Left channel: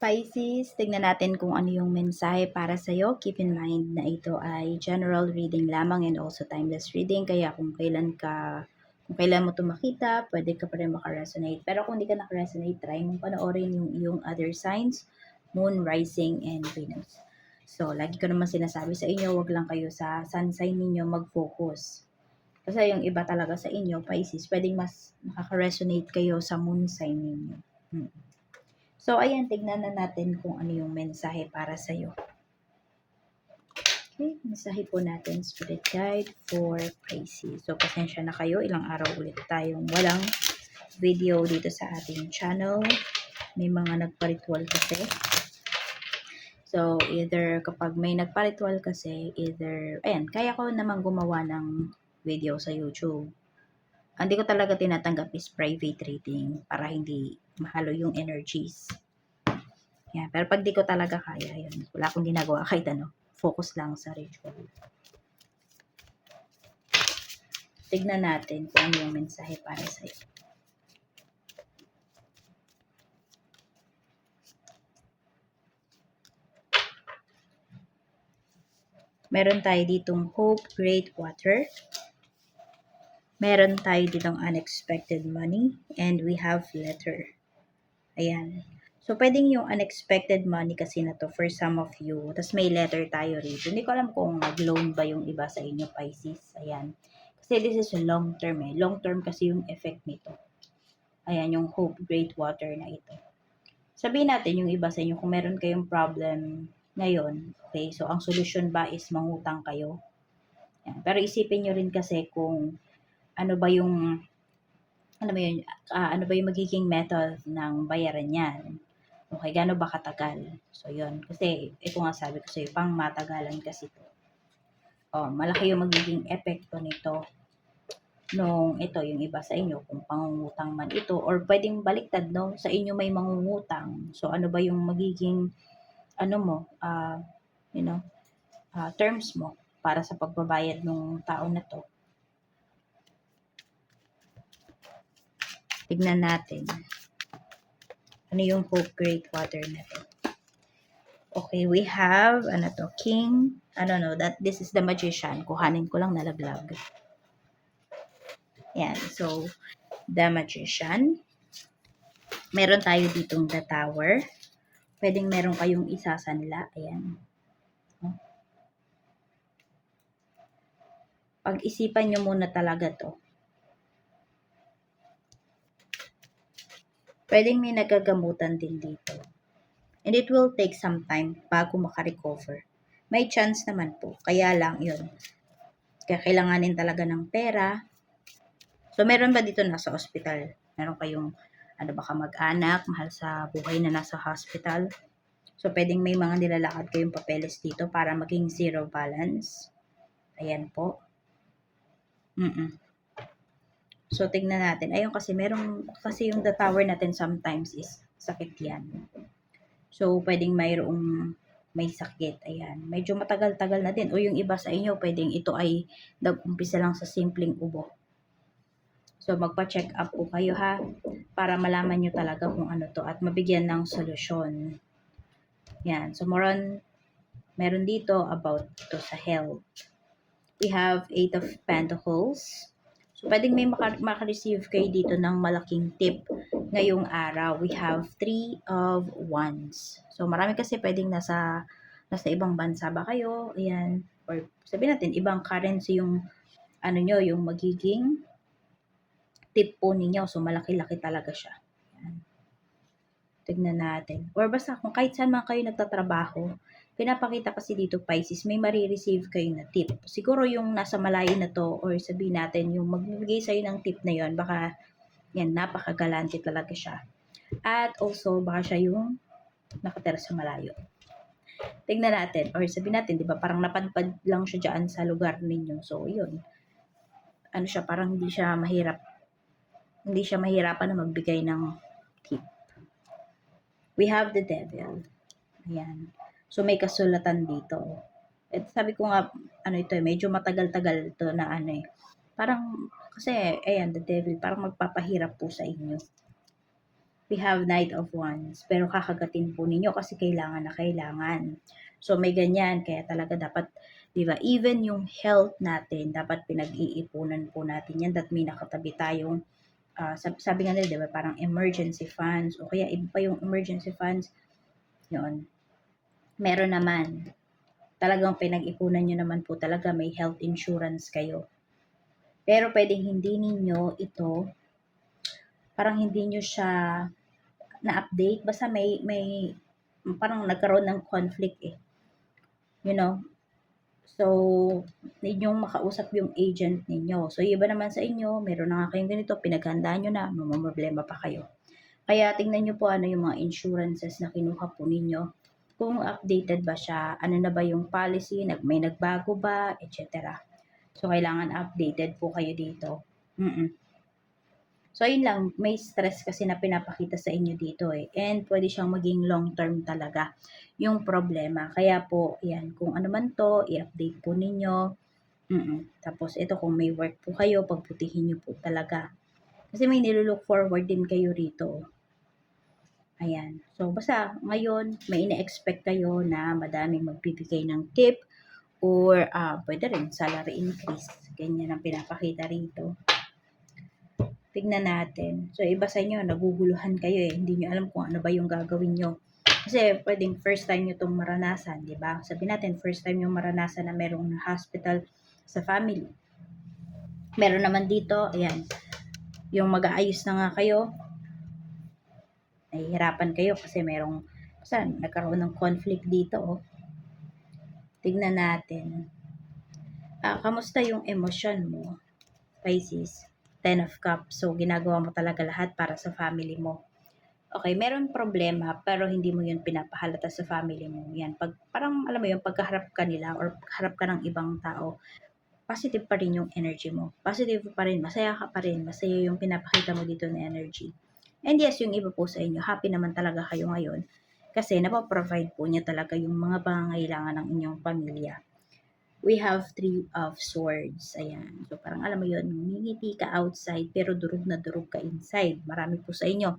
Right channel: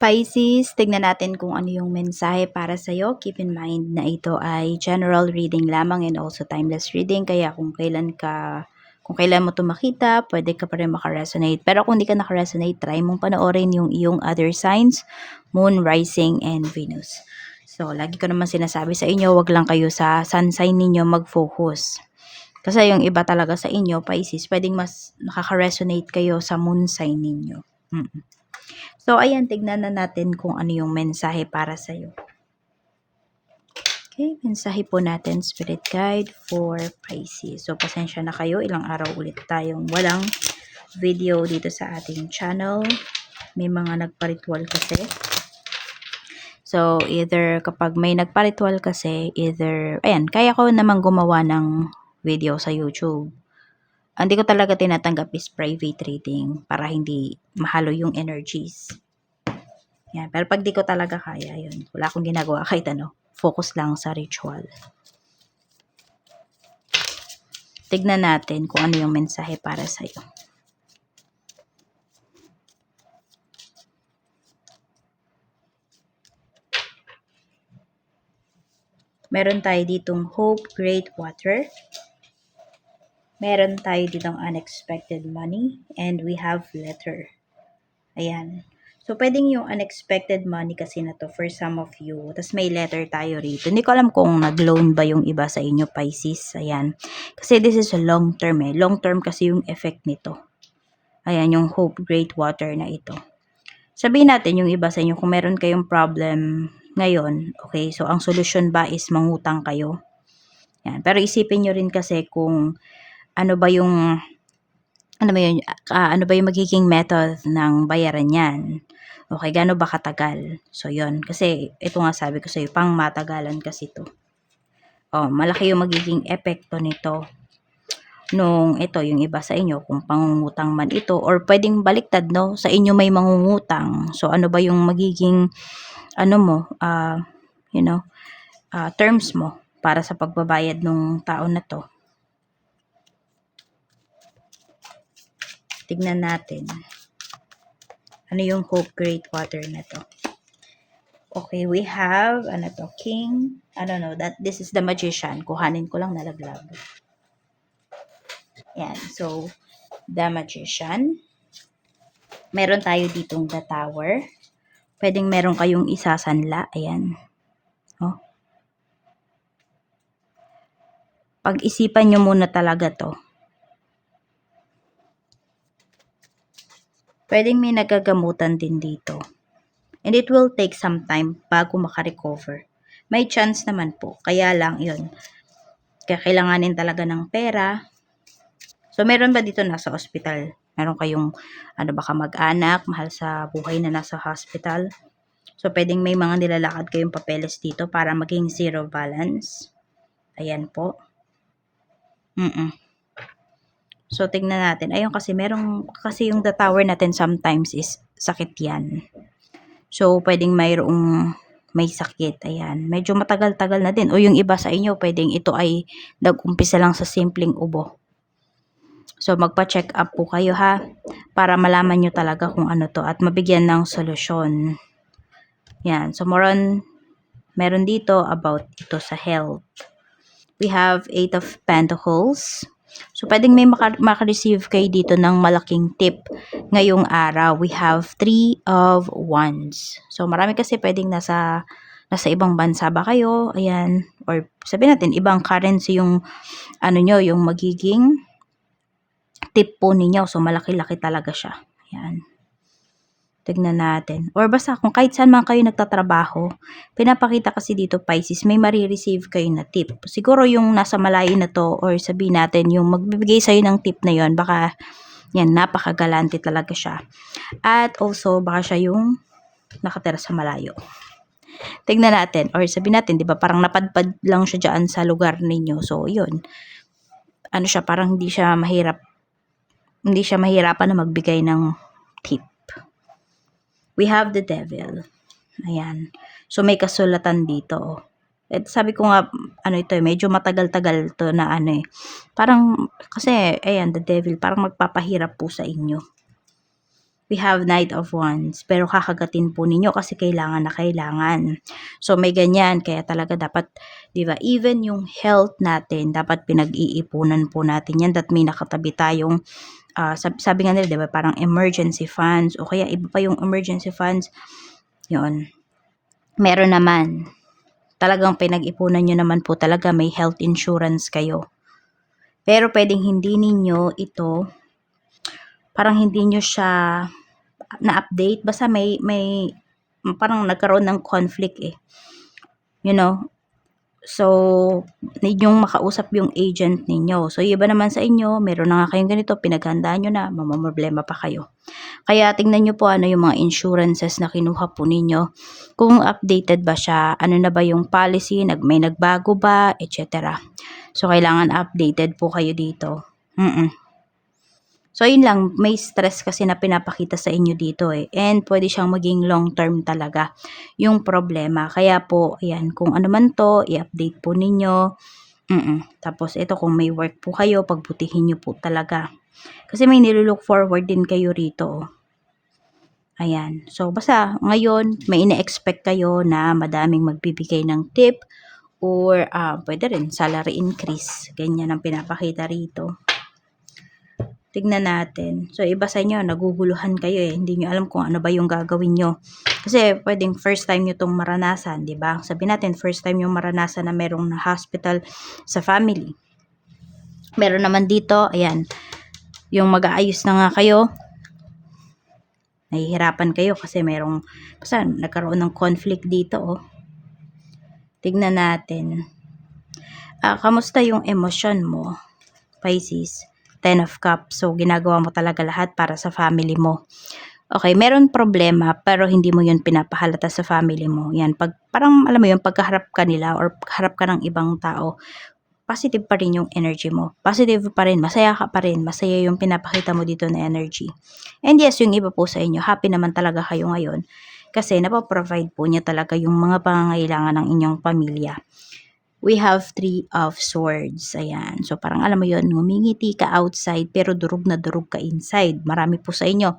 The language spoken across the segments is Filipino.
Pisces, tignan natin kung ano yung mensahe para sa'yo. Keep in mind na ito ay general reading lamang and also timeless reading. Kaya kung kailan mo ito makita, pwede ka pa rin makaresonate. Pero kung hindi ka nakaresonate, try mong panoorin yung iyong other signs, Moon, Rising, and Venus. So, lagi ko naman sinasabi sa inyo, wag lang kayo sa sun sign ninyo mag-focus. Kasi yung iba talaga sa inyo, Pisces, pwedeng mas nakaka-resonate kayo sa moon sign ninyo. So, ayan, tignan na natin kung ano yung mensahe para sa'yo. Okay, mensahe po natin, Spirit Guide for Pisces. So, pasensya na kayo, ilang araw ulit tayong walang video dito sa ating channel. May mga nagparitual kasi. So, either kapag may nagparitual kasi, ayan, kaya ko naman gumawa ng video sa YouTube. Hindi ko talaga tinatanggap is private reading para hindi mahalo yung energies. Yan. Pero pag di ko talaga kaya, yun. Wala akong ginagawa kahit ano. Focus lang sa ritual. Tignan natin kung ano yung mensahe para sa'yo. Meron tayo ditong hope, great water. Meron tayo ditong unexpected money. And we have letter. Ayan. So, pwedeng yung unexpected money kasi na to for some of you. Tapos may letter tayo rito. Hindi ko alam kung nag-loan ba yung iba sa inyo, Pisces. Ayan. Kasi this is a long term eh. Long term kasi yung effect nito. Ayan, yung hope, great water na ito. Sabihin natin yung iba sa inyo, kung meron kayong problem ngayon, okay, so ang solusyon ba is mangutang kayo? Ayan. Pero isipin nyo rin kasi kung ano ba yung ano ba yung magiging method ng bayaran yan. Okay, gaano ba katagal? So, yon. Kasi, ito nga sabi ko sa'yo, pang matagalan kasi to. Oh, malaki yung magiging epekto nito nung ito, yung iba sa inyo, kung pangungutang man ito, or pwedeng baliktad, no? Sa inyo may mangungutang. So, ano ba yung magiging, terms mo para sa pagbabayad ng tao na to? Tignan natin. Ano yung hope, great water na to? Okay, we have, king. This is the magician. Kuhanin ko lang, nalaglag. Yan, so, the magician. Meron tayo ditong the tower. Pwedeng meron kayong isasanla. Ayan. Oh. Pag-isipan nyo muna talaga to. Pwedeng may nagagamutan din dito. And it will take some time bago makarecover. May chance naman po. Kaya lang, yun. Kailanganin talaga ng pera. So, meron ba dito nasa hospital? Meron kayong, baka mag-anak, mahal sa buhay na nasa hospital? So, pwedeng may mga nilalakad kayong papeles dito para maging zero balance. Ayan po. So, tignan natin. Ayun kasi, kasi yung the tower natin sometimes is sakit yan. So, pwedeng may sakit. Ayan. Medyo matagal-tagal na din. O yung iba sa inyo, pwedeng ito ay nag-umpisa lang sa simpleng ubo. So, magpa-check up po kayo ha. Para malaman nyo talaga kung ano to at mabigyan ng solusyon. Yan. So, meron dito about ito sa health. We have 8 of Pentacles. So, pwedeng may maka-receive kayo dito ng malaking tip ngayong araw. We have 3 of Wands. So, marami kasi pwedeng nasa ibang bansa ba kayo. Ayan. Or sabihin natin, ibang currency yung yung magiging tip po ninyo. So, malaki-laki talaga siya. Ayan. Tignan natin. Or basta kung kahit saan man kayo nagtatrabaho, pinapakita kasi dito Pisces, may marireceive kayo na tip. Siguro yung nasa malayo na to, or sabihin natin yung magbibigay sa'yo ng tip na yon, baka yan, napakagalante talaga siya. At also, baka siya yung nakatira sa malayo. Tignan natin. Or sabihin natin, di ba, parang napadpad lang siya dyan sa lugar ninyo. So, yun. Parang hindi siya mahirapan na magbigay ng tip. We have the devil. Ayan. So, may kasulatan dito. At sabi ko nga, medyo matagal-tagal to na Parang, kasi, ayan, the devil, parang magpapahirap po sa inyo. We have Knight of Wands, pero kakagatin po ninyo kasi kailangan na kailangan. So may ganyan, kaya talaga dapat, 'di ba? Even yung health natin, dapat pinag-iipunan po natin 'yan, that may nakatabi tayong sabi nga nila, 'di ba, parang emergency funds o kaya iba pa yung emergency funds. 'Yon. Meron naman. Talagang pinag-ipunan niyo naman po talaga, may health insurance kayo. Pero pwedeng hindi ninyo ito, parang hindi niyo siya na-update, basta may parang nagkaroon ng conflict eh. You know? So, need yung makausap yung agent ninyo. So, iba naman sa inyo, meron na nga kayong ganito, pinaghandaan nyo na, mamamroblema pa kayo. Kaya tingnan nyo po ano yung mga insurances na kinuha po ninyo. Kung updated ba siya, ano na ba yung policy, may nagbago ba, etc. So, kailangan updated po kayo dito. So, yun lang, may stress kasi na pinapakita sa inyo dito eh. And pwede siyang maging long term talaga yung problema. Kaya po, ayan, kung ano man to, i-update po ninyo. Tapos, ito kung may work po kayo, pagbutihin nyo po talaga. Kasi may nilook forward din kayo rito. Ayan. So, basta ngayon, may ina-expect kayo na madaming magbibigay ng tip or pwede rin salary increase. Ganyan ang pinapakita rito. Tignan natin. So, iba sa inyo, naguguluhan kayo eh. Hindi nyo alam kung ano ba yung gagawin nyo. Kasi, pwedeng first time nyo itong maranasan, di ba? Sabihin natin, first time yung maranasan na merong na hospital sa family. Meron naman dito, ayan, yung mag-aayos na nga kayo, nahihirapan kayo kasi merong, basta nagkaroon ng conflict dito, oh. Tignan natin. Kamusta yung emosyon mo, Pisces? 10 of Cups. So, ginagawa mo talaga lahat para sa family mo. Okay, meron problema pero hindi mo yun pinapahalata sa family mo. Yan, parang alam mo yun, pagkaharap ka nila or pagkaharap ka ng ibang tao, positive pa rin yung energy mo. Positive pa rin, masaya ka pa rin. Masaya yung pinapakita mo dito na energy. And yes, yung iba po sa inyo, happy naman talaga kayo ngayon. Kasi napaprovide po niya talaga yung mga pangangailangan ng inyong pamilya. We have 3 of Swords. Ayan. So, parang alam mo yun, ngumingiti ka outside, pero durug na durug ka inside. Marami po sa inyo.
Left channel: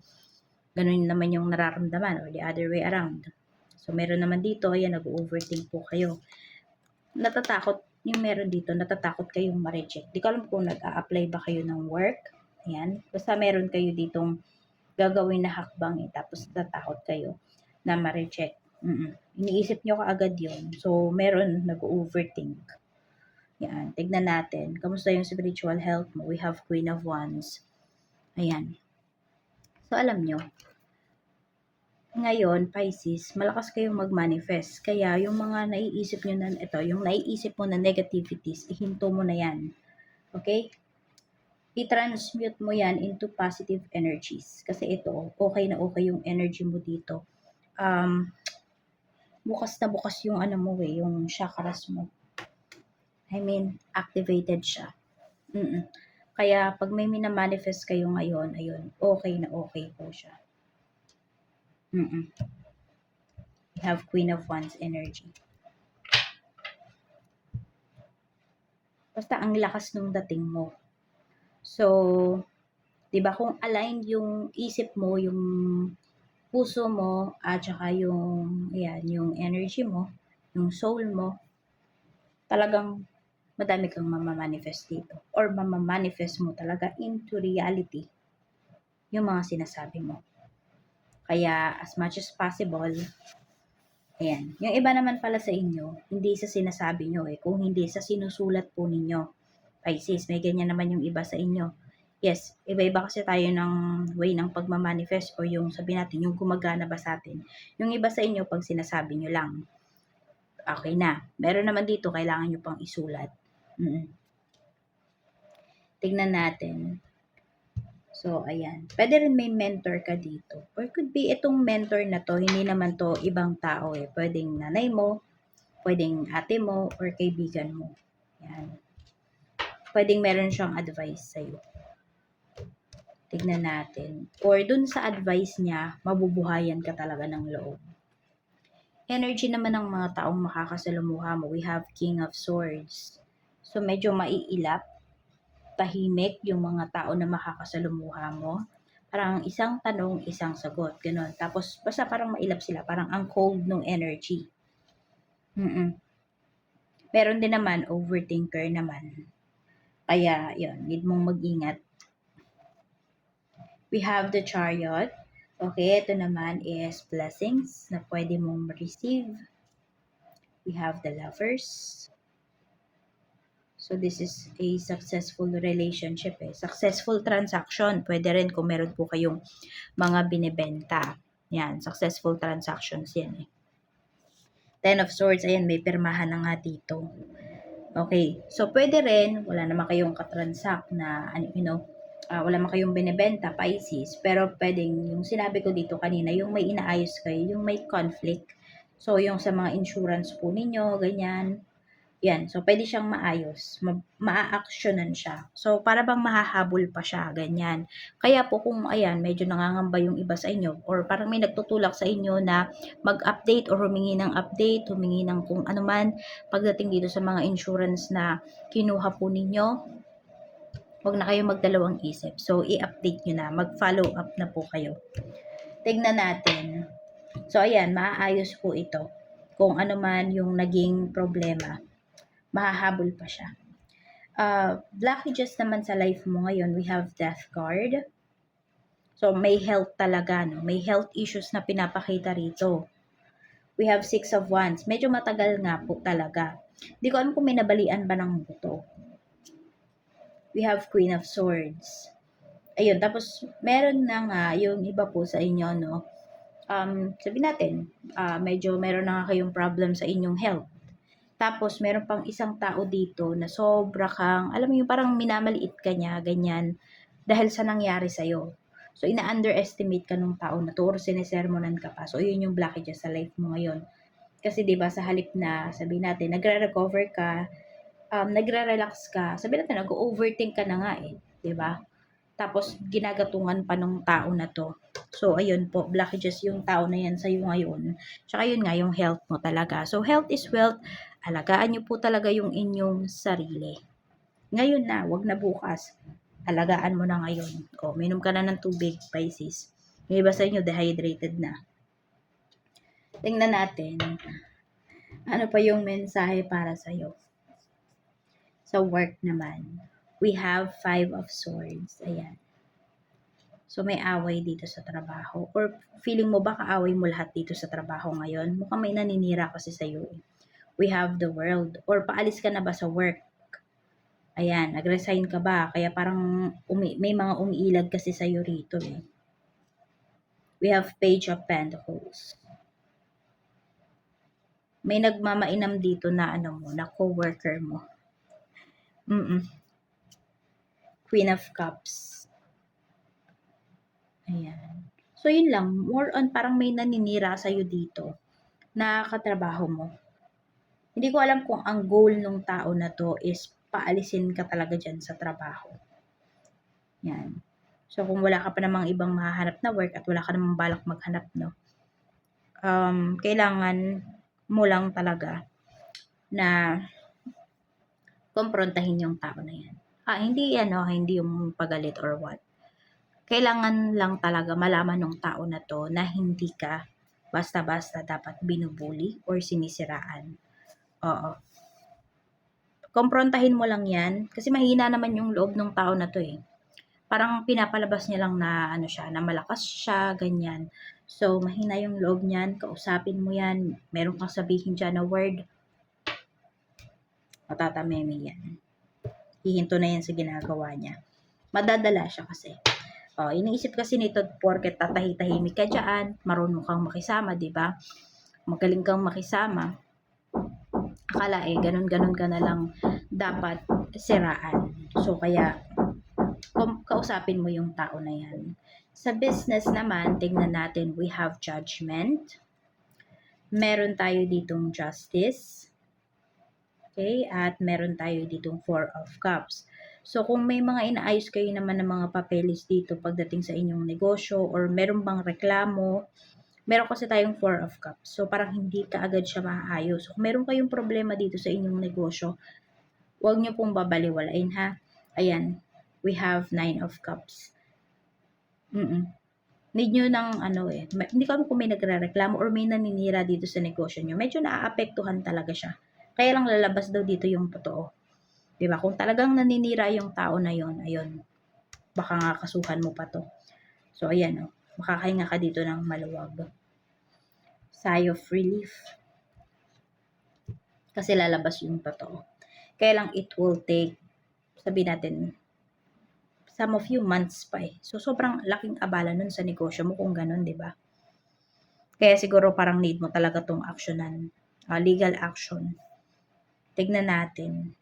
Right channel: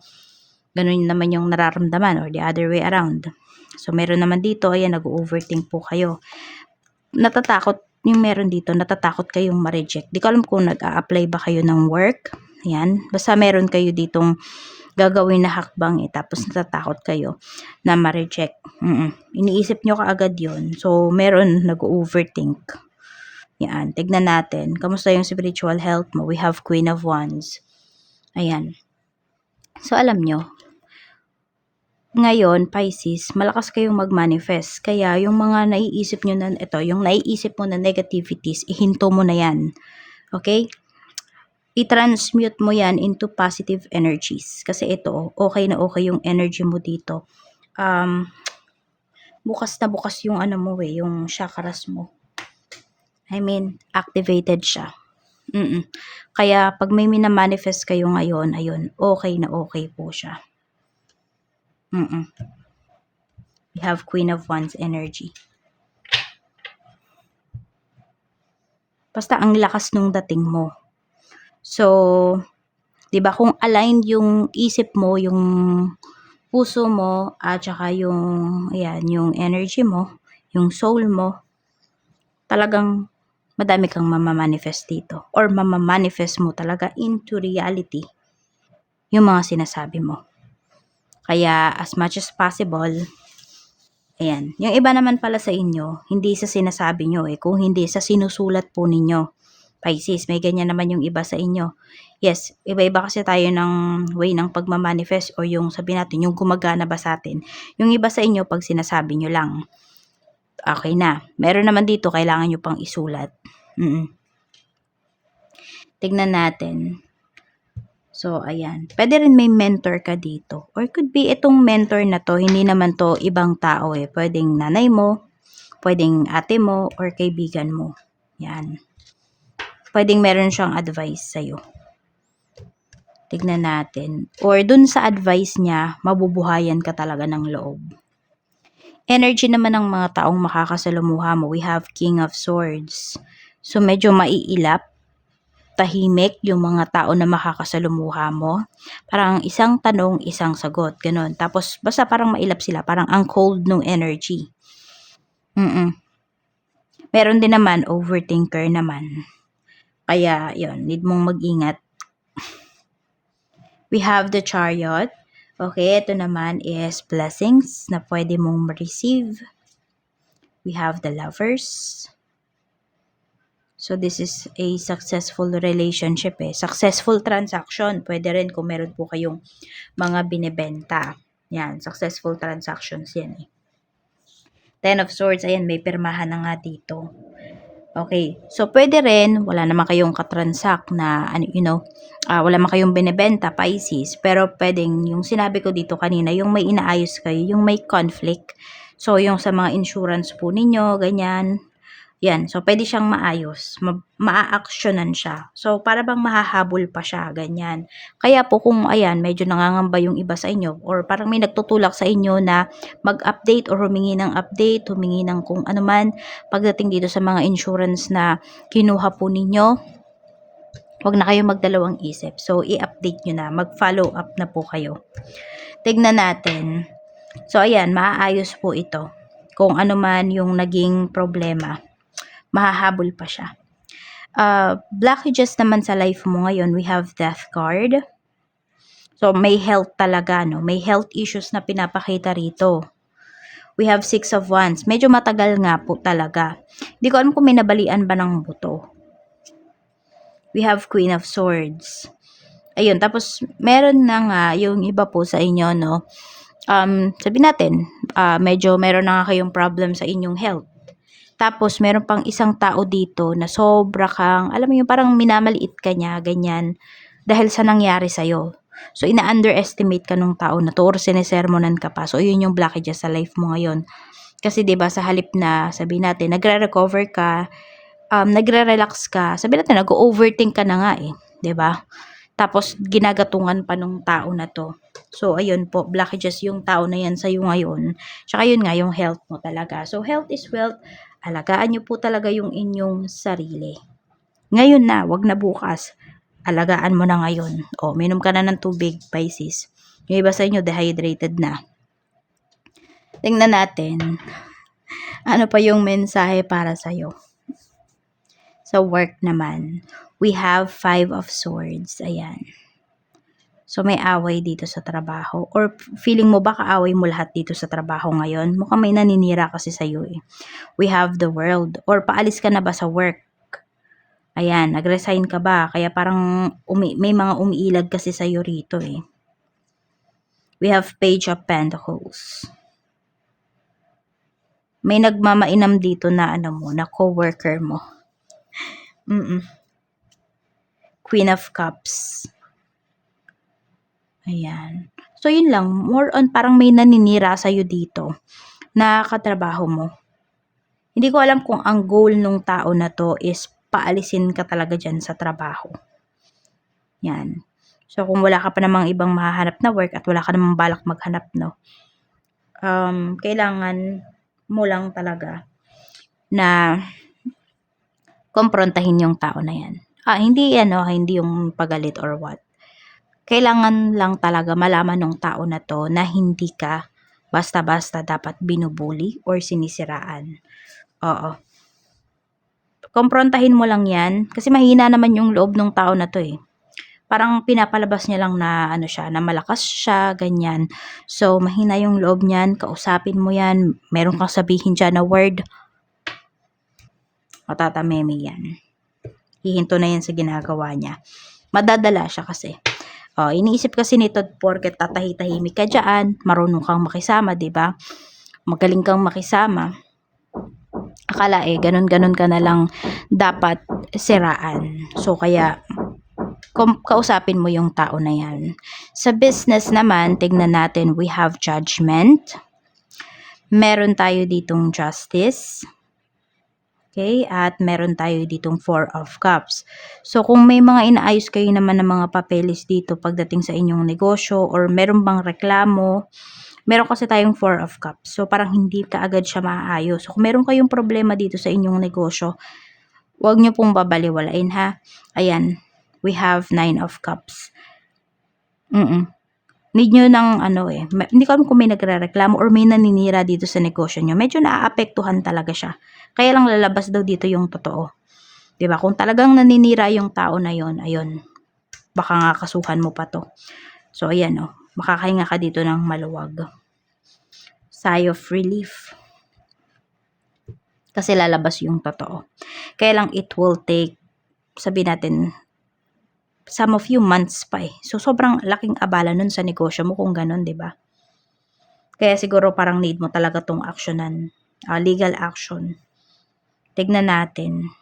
Ganun naman yung nararamdaman or the other way around. So, meron naman dito, ayan, nag-overthink po kayo. Natatakot, yung meron dito, natatakot kayong ma-reject. Di ko alam kung nag-a-apply ba kayo ng work. Ayan. Basta meron kayo ditong gagawin na hakbang tapos natatakot kayo na ma-reject. Iniisip nyo kaagad yun. So, meron nag-overthink. Yan, tignan natin. Kamusta yung spiritual health mo? We have Queen of Wands. Ayan. So, alam nyo, ngayon, Pisces, malakas kayong mag-manifest. Kaya, yung mga naiisip nyo na, yung naiisip mo na negativities, ihinto mo na yan. Okay? I-transmute mo yan into positive energies. Kasi ito, okay na okay yung energy mo dito. Bukas na bukas yung ano mo yung chakras mo. I mean, activated siya. Kaya, pag may minamanifest kayo ngayon, ayun, okay na okay po siya. We have Queen of Wands energy. Basta ang lakas nung dating mo. So, 'di ba kung aligned yung isip mo, yung puso mo at saka yung ayan, yung energy mo, yung soul mo, talagang madami kang mamamanifest dito or mamamanifest mo talaga into reality yung mga sinasabi mo. Kaya as much as possible, ayan, yung iba naman pala sa inyo, hindi sa sinasabi nyo kung hindi sa sinusulat po ninyo. Pisces, may ganyan naman yung iba sa inyo. Yes, iba-iba kasi tayo ng way ng pagmamanifest o yung sabi natin, yung gumagana ba sa atin. Yung iba sa inyo, pag sinasabi nyo lang, okay na. Meron naman dito, kailangan nyo pang isulat. Tignan natin. So, ayan. Pwede rin may mentor ka dito. Or could be itong mentor na to, hindi naman to ibang tao Pwedeng nanay mo, pwedeng ate mo, or kaibigan mo. Yan. Pwedeng meron siyang advice sa'yo. Tignan natin. Or dun sa advice niya, mabubuhayan ka talaga ng loob. Energy naman ng mga taong makakasalamuha mo. We have King of Swords. So, medyo maiilap. tahimik yung mga tao na makakasalumuha mo. Parang isang tanong, isang sagot, gano'n. Tapos basta parang mailap sila, parang ang cold nung energy. Meron din naman overthinker naman. Kaya yon, need mong mag-ingat. We have the Chariot. Okay, ito naman is blessings na pwede mong ma-receive. We have the Lovers. So this is a successful relationship eh. Successful transaction. Pwede rin kung meron po kayong mga binebenta. Yan, successful transactions yan eh. Ten of Swords, ayan, may pirmahan na nga dito. Okay, so pwede rin, wala naman kayong katransak na, wala naman kayong binebenta, Pisces, pero pwedeng, yung sinabi ko dito kanina, yung may inaayos kayo, yung may conflict. So, yung sa mga insurance po ninyo, ganyan, yan. So, pwede siyang maayos. Maa-actionan siya. So, para bang mahahabol pa siya, ganyan. Kaya po kung, ayan, medyo nangangamba yung iba sa inyo or parang may nagtutulak sa inyo na mag-update or humingi ng update, humingi ng kung ano man pagdating dito sa mga insurance na kinuha po ninyo, huwag na kayong magdalawang isip. So, i-update nyo na. Mag-follow up na po kayo. Tignan natin. So, ayan, maaayos po ito. Kung ano man yung naging problema, mahahabol pa siya. Blockages naman sa life mo ngayon, we have Death card. So, may health talaga, no? May health issues na pinapakita rito. We have Six of Wands. Medyo matagal nga po talaga. Hindi ko alam kung may nabalian ba ng buto. We have Queen of Swords. Ayun, tapos meron na nga yung iba po sa inyo, no? Sabi natin, medyo meron na nga kayong problem sa inyong health. Tapos, meron pang isang tao dito na sobra kang, alam mo yung parang minamaliit ka niya, ganyan, dahil sa nangyari sa'yo. So, ina-underestimate ka nung tao na to or sinesermonan ka pa. So, yun yung blockages sa life mo ngayon. Kasi, diba, sa halip na, sabi natin, nagre-recover ka, nagre-relax ka, sabi natin, nag-overthink ka na nga eh. Diba? Tapos, ginagatungan pa nung tao na to. So, ayun po, blockages yung tao na yan sa'yo ngayon. Tsaka yun nga, yung health mo talaga. So, health is wealth. Alagaan nyo po talaga yung inyong sarili. Ngayon na, wag na bukas. Alagaan mo na ngayon. O, minom ka na ng tubig, Pisces. Yung iba sa inyo, dehydrated na. Tingnan natin. Ano pa yung mensahe para sa'yo? Sa work naman, we have Five of Swords. Ayan. So, may away dito sa trabaho. Or feeling mo ba kaaway mo lahat dito sa trabaho ngayon? Mukhang may naninira kasi sa'yo eh. We have the World. Or paalis ka na ba sa work? Ayan, nag-resign ka ba? Kaya parang may mga umiilag kasi sa'yo rito eh. We have Page of Pentacles. May nagmamainam dito na na co-worker mo. Queen of Cups. Ayan. So, yun lang. More on parang may naninira sa'yo dito na katrabaho mo. Hindi ko alam kung ang goal nung tao na to is paalisin ka talaga dyan sa trabaho. Yan. So, kung wala ka pa namang ibang mahahanap na work at wala ka namang balak maghanap, no? Kailangan mo lang talaga na kumprontahin yung tao na yan. Hindi yung pagalit or what. Kailangan lang talaga malaman ng tao na to na hindi ka basta-basta dapat binubuli or sinisiraan. Oo. Kumprontahin mo lang yan kasi mahina naman yung loob ng tao na to eh. Parang pinapalabas niya lang na na malakas siya, ganyan. So, mahina yung loob niyan, kausapin mo yan, meron kang sabihin dyan na word, matatameme yan. Hihinto na yan sa ginagawa niya. Madadala siya kasi. Iniisip kasi nito porket tatahi-tahimik ka dyan, marunong kang makisama, diba? Magaling kang makisama. Akala ganun-ganun ka na lang dapat siraan. So, kaya kausapin mo yung tao na yan. Sa business naman, tignan natin, we have Judgment. Meron tayo ditong Justice. Okay, at meron tayo ditong Four of Cups. So, kung may mga inaayos kayo naman ng mga papeles dito pagdating sa inyong negosyo or meron bang reklamo, meron kasi tayong Four of Cups. So, parang hindi ka agad siya maayos. So, kung meron kayong problema dito sa inyong negosyo, Huwag nyo pong babaliwalain ha. Ayan, we have 9 of cups. Need nyo ng hindi ko alam kung may nagrereklamo or may naninira dito sa negosyo nyo. Medyo naaapektuhan talaga siya. Kaya lang lalabas daw dito yung totoo. 'Di ba? Kung talagang naninira yung tao na yon, ayun, baka nga kasuhan mo pa to. So ayan makakahinga ka dito ng maluwag. Sigh of relief. Kasi lalabas yung totoo. Kaya lang it will take, sabihin natin, some of few months pa eh. So sobrang laking abala nun sa negosyo mo kung ganun, 'di ba? Kaya siguro parang need mo talaga tong actionan, legal action. Tignan natin.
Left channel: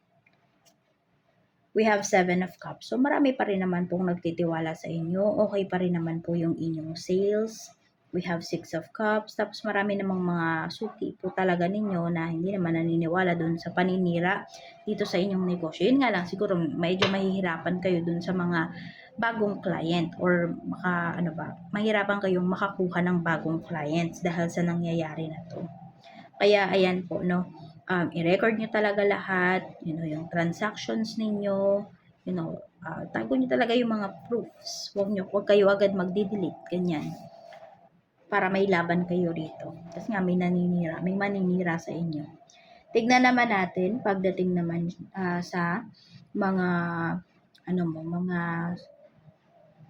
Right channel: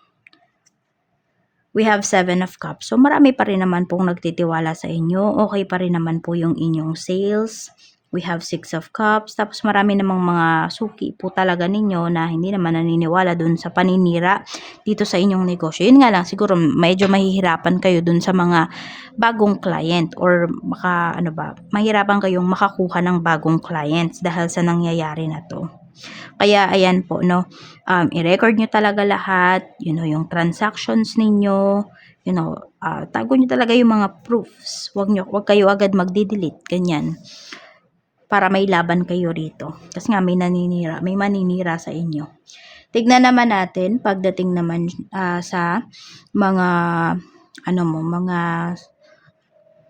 We have 7 of cups. So, marami pa rin naman pong nagtitiwala sa inyo. Okay pa rin naman po yung inyong sales. We have 6 of cups. Tapos, marami namang mga suki po talaga ninyo na hindi naman naniniwala dun sa paninira dito sa inyong negosyo. Yun nga lang, siguro medyo mahihirapan kayo dun sa mga bagong client or mahirapan kayong makakuha ng bagong clients dahil sa nangyayari na to. Kaya ayan po i-record nyo talaga lahat, yung transactions ninyo, tago nyo talaga yung mga proofs. Wag kayo agad magdi-delete, ganyan. Para may laban kayo rito. Kasi nga may maninira sa inyo. Tignan naman natin pagdating naman sa mga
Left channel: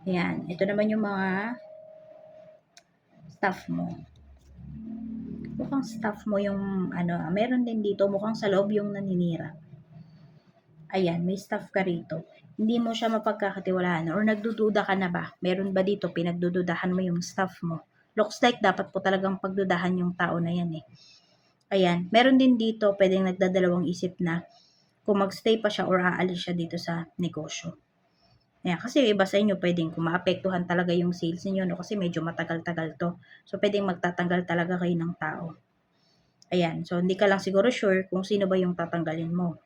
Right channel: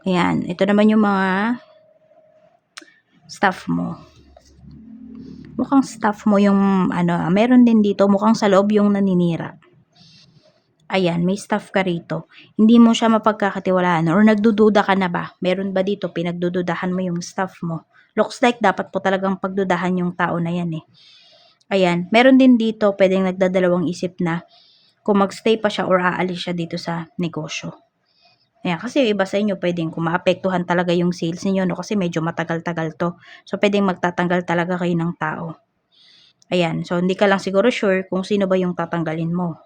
ayan, ito naman yung mga staff mo. Mukhang staff mo yung meron din dito, mukhang sa loob yung naninira. Ayan, may staff ka rito. Hindi mo siya mapagkakatiwalaan or nagdududa ka na ba? Meron ba dito pinagdududahan mo yung staff mo? Looks like dapat po talagang pagdudahan yung tao na yan eh. Ayan, meron din dito pwedeng nagdadalawang isip na kung magstay pa siya or aalis siya dito sa negosyo. Ayan, kasi yung iba sa inyo pwedeng kung maapektuhan talaga yung sales niyo kasi medyo matagal-tagal to. So pwedeng magtatanggal talaga kayo ng tao. Ayan, so hindi ka lang siguro sure kung sino ba yung tatanggalin mo.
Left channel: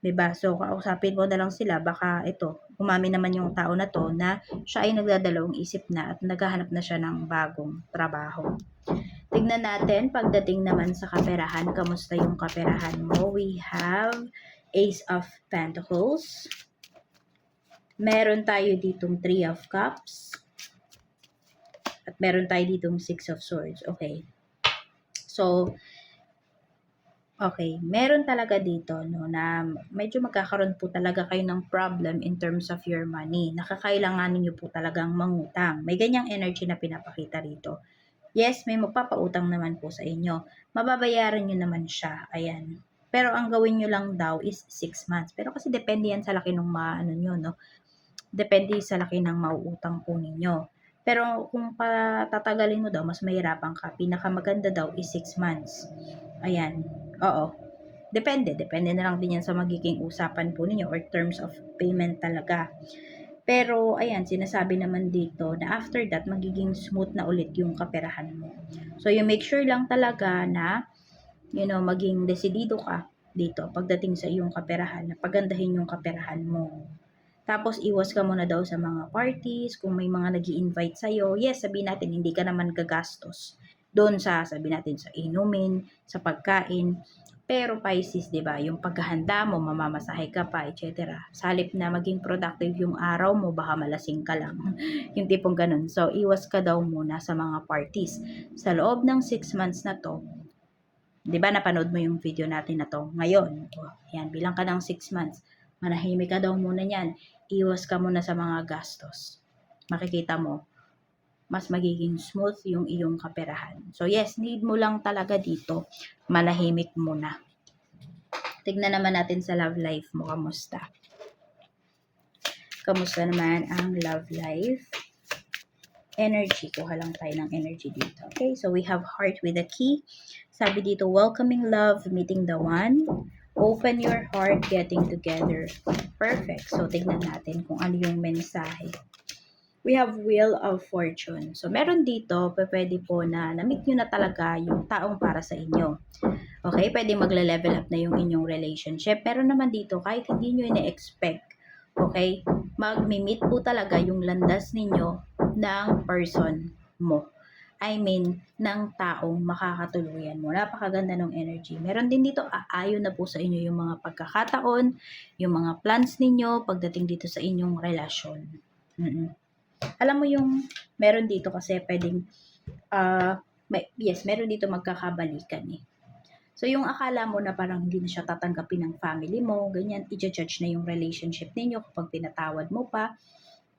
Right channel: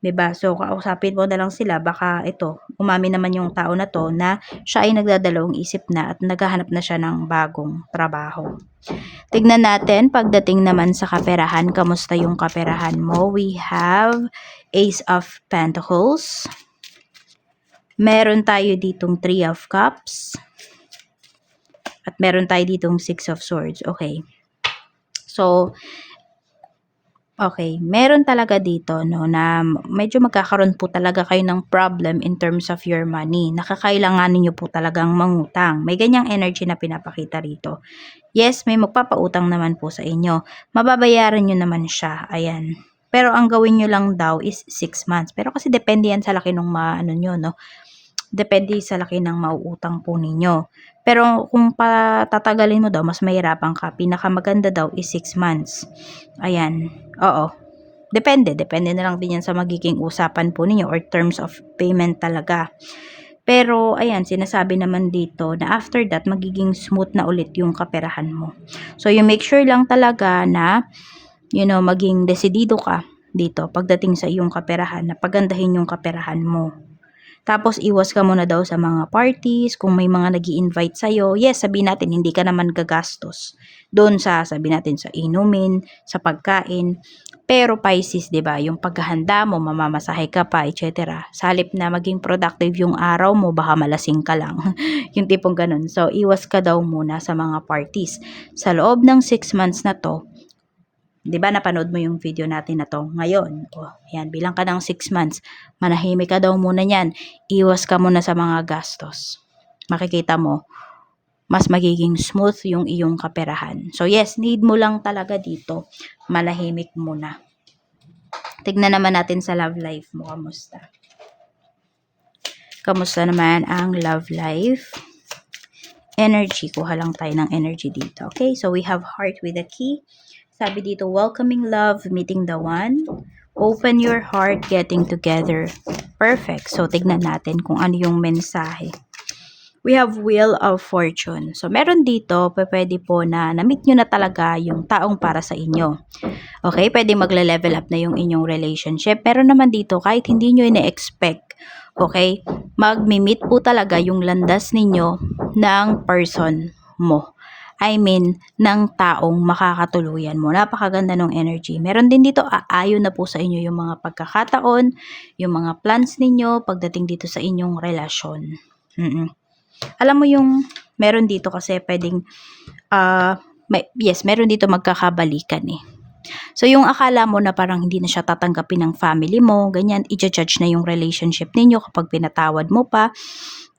'Di ba? So kausapin mo na lang sila, baka umamin naman yung tao na to na siya ay nagdadalawang isip na at naghahanap na siya ng bagong trabaho. Tignan natin pagdating naman sa kaperahan, kamusta yung kaperahan mo? We have Ace of Pentacles. Meron tayo ditong 3 of Cups. At meron tayo ditong 6 of Swords. Okay. So, okay, meron talaga dito na medyo magkakaroon po talaga kayo ng problem in terms of your money. Nakakailanganin niyo po talagang mangutang. May ganyang energy na pinapakita rito. Yes, may magpapautang naman po sa inyo. Mababayaran niyo naman siya. Ayan. Pero ang gawin niyo lang daw is 6 months. Pero kasi depende yan sa laki ng nyo, no? Depende sa laki ng mauutang po ninyo. Pero kung patatagalin mo daw, mas mahirapan ka. Pinakamaganda daw is 6 months. Ayan. Oo. Depende na lang din yan sa magiging usapan po ninyo or terms of payment talaga. Pero, ayan, sinasabi naman dito na after that, magiging smooth na ulit yung kaperahan mo. So, you make sure lang talaga na, maging desidido ka dito pagdating sa iyong kaperahan, na pagandahin yung kaperahan mo. Tapos, iwas ka muna daw sa mga parties, kung may mga nag-i-invite sa'yo. Yes, sabihin natin, hindi ka naman gagastos doon sa, sabihin natin, sa inumin, sa pagkain. Pero Pisces, 'di ba, yung paghahanda mo, mamamasahe ka pa, etc. Sa halip na maging productive yung araw mo, baka malasing ka lang. Yung tipong ganun. So, iwas ka daw muna sa mga parties. Sa loob ng 6 months na to, 'di ba, napanood mo yung video natin na to ngayon? Yan, bilang ka ng 6 months. Manahimik ka daw muna niyan. Iwas ka muna sa mga gastos. Makikita mo, mas magiging smooth yung iyong kaperahan. So yes, need mo lang talaga dito, malahimik muna. Tignan naman natin sa love life mo, kamusta? Kamusta naman ang love life? Energy, kuha lang tayo ng energy dito. Okay, so we have heart with a key. Sabi dito, welcoming love, meeting the one. Open your heart, getting together. Perfect. So, tignan natin kung ano yung mensahe. We have Wheel of Fortune. So, meron dito, pwede po na na-meet nyo na talaga yung taong para sa inyo. Okay, pwede magle-level up na yung inyong relationship. Pero naman dito, kahit hindi nyo ina-expect, okay, mag-meet po talaga yung landas ninyo ng person mo. I mean, ng taong makakatuluyan mo. Napakaganda ng energy. Meron din dito, aayon na po sa inyo yung mga pagkakataon, yung mga plans ninyo pagdating dito sa inyong relasyon. Alam mo yung meron dito kasi pwedeng, yes, meron dito magkakabalikan eh. So, yung akala mo na parang hindi na siya tatanggapin ng family mo, ganyan, i-judge na yung relationship ninyo kapag pinatawad mo pa,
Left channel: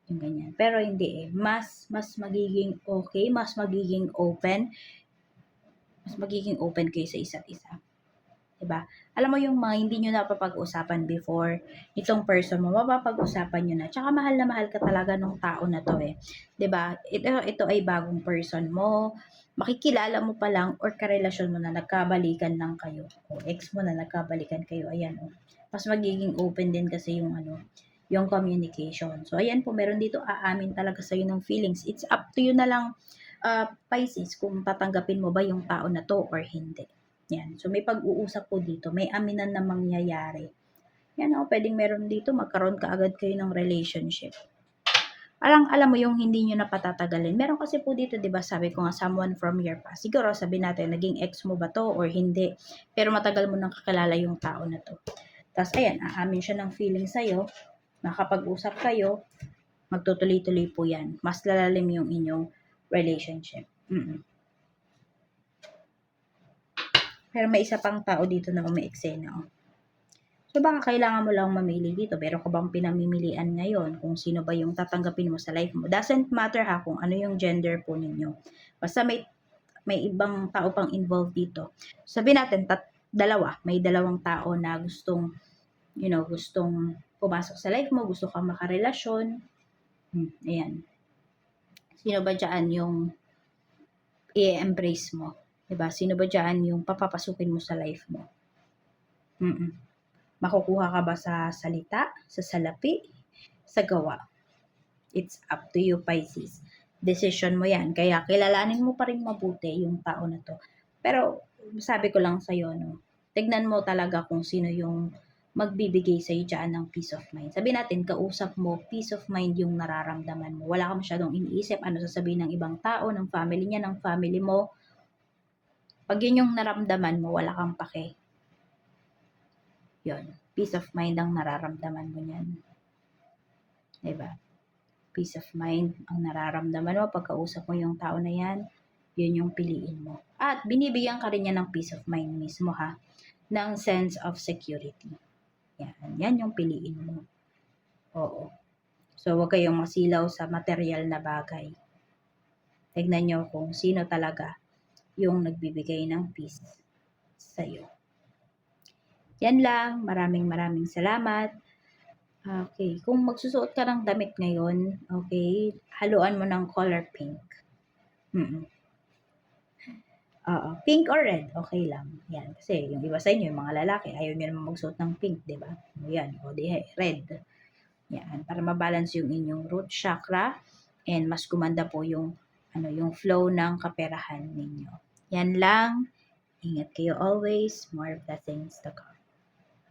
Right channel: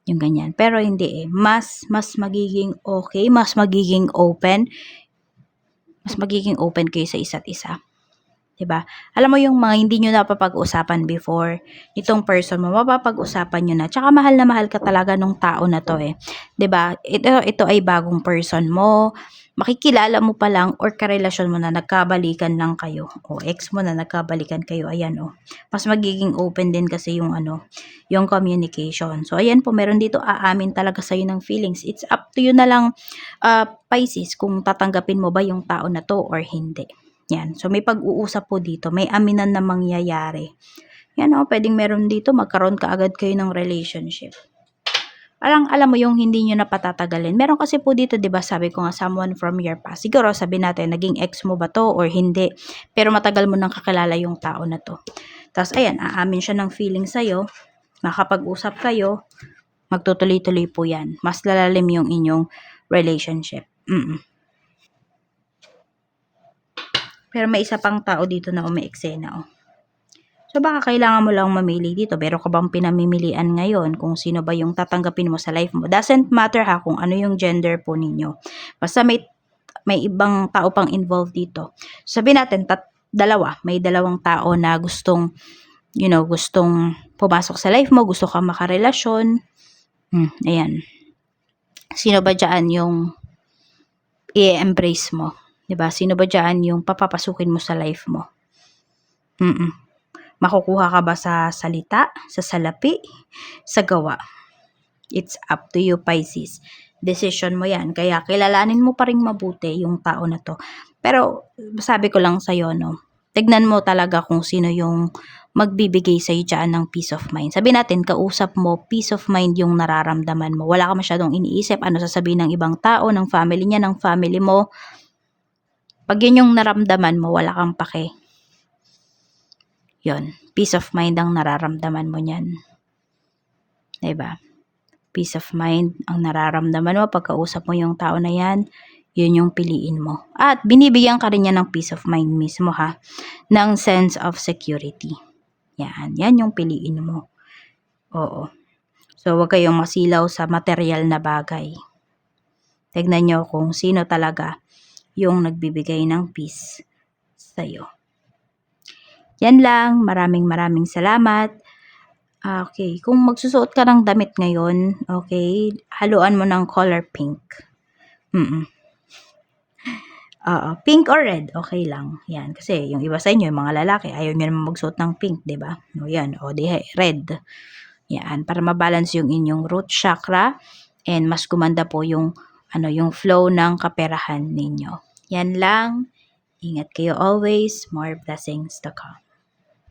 yung ganyan. Pero hindi eh. Mas magiging okay, mas magiging open kayo sa isa't isa. 'Di ba? Alam mo yung mga hindi nyo napapag-usapan before, itong person mo, mapapag-usapan nyo na. Tsaka mahal na mahal ka talaga nung tao na to eh. 'Di ba? Ito ay bagong person mo, makikilala mo pa lang or karelasyon mo na nagkabalikan lang kayo. O ex mo na nagkabalikan kayo. Ayan o. Mas magiging open din kasi yung yung communication. So ayan po, meron dito aamin talaga sa'yo ng feelings. It's up to you na lang, Pisces, kung tatanggapin mo ba yung tao na to or hindi. Yan. So, may pag-uusap po dito. May aminan na mangyayari. Yan o, pwedeng meron dito, magkaroon ka agad kayo ng relationship. Alam mo yung hindi nyo na patatagalin. Meron kasi po dito, di ba, sabi ko nga, someone from your past. Siguro, sabi natin, naging ex mo ba to or hindi. Pero matagal mo nang kakilala yung tao na to. Tapos, ayan, aamin siya ng feeling sa'yo. Makapag-usap kayo. Magtutuloy-tuloy po yan. Mas lalalim yung inyong relationship. Pero may isa pang tao dito na umeeksena, oh. So, baka kailangan mo lang mamili dito. Meron ka bang pinamimilian ngayon kung sino ba yung tatanggapin mo sa life mo? Doesn't matter ha kung ano yung gender po ninyo. Basta may ibang tao pang involved dito. Sabihin natin, may dalawang tao na gustong pumasok sa life mo, gusto ka makarelasyon. Ayan. Sino ba dyan yung i-embrace mo? Diba? Sino ba dyan yung papapasukin mo sa life mo? Makukuha ka ba sa salita, sa salapi, sa gawa? It's up to you, Pisces. Decision mo yan. Kaya kilalanin mo pa rin mabuti yung tao na to. Pero sabi ko lang sa'yo, no, tignan mo talaga kung sino yung magbibigay sa'yo dyan ng peace of mind. Sabi natin, kausap mo, peace of mind yung nararamdaman mo. Wala ka masyadong iniisip ano sasabihin ng ibang tao, ng family niya, ng family mo. Pag yun yung naramdaman mo, wala kang pake. Yun, peace of mind ang nararamdaman mo niyan. Diba? Peace of mind ang nararamdaman mo pagkausap mo yung tao na yan, yun yung piliin mo. At binibigyan ka rin niya ng peace of mind mismo ha, ng sense of security. Yan yung piliin mo. Oo. So, huwag kayong masilaw sa material na bagay. Tignan nyo kung sino talaga yung nagbibigay ng peace sa'yo. Yan lang. Maraming salamat. Okay. Kung magsusuot ka ng damit ngayon, okay, haluan mo ng color pink. Pink or red, okay lang. Yan. Kasi yung iba sa inyo, yung mga lalaki, ayaw nyo naman magsuot ng pink, diba? O yan. O di red. Yan. Para mabalance yung inyong root chakra and mas gumanda po yung flow ng kaperahan ninyo. Yan lang. Ingat kayo always. More blessings to come.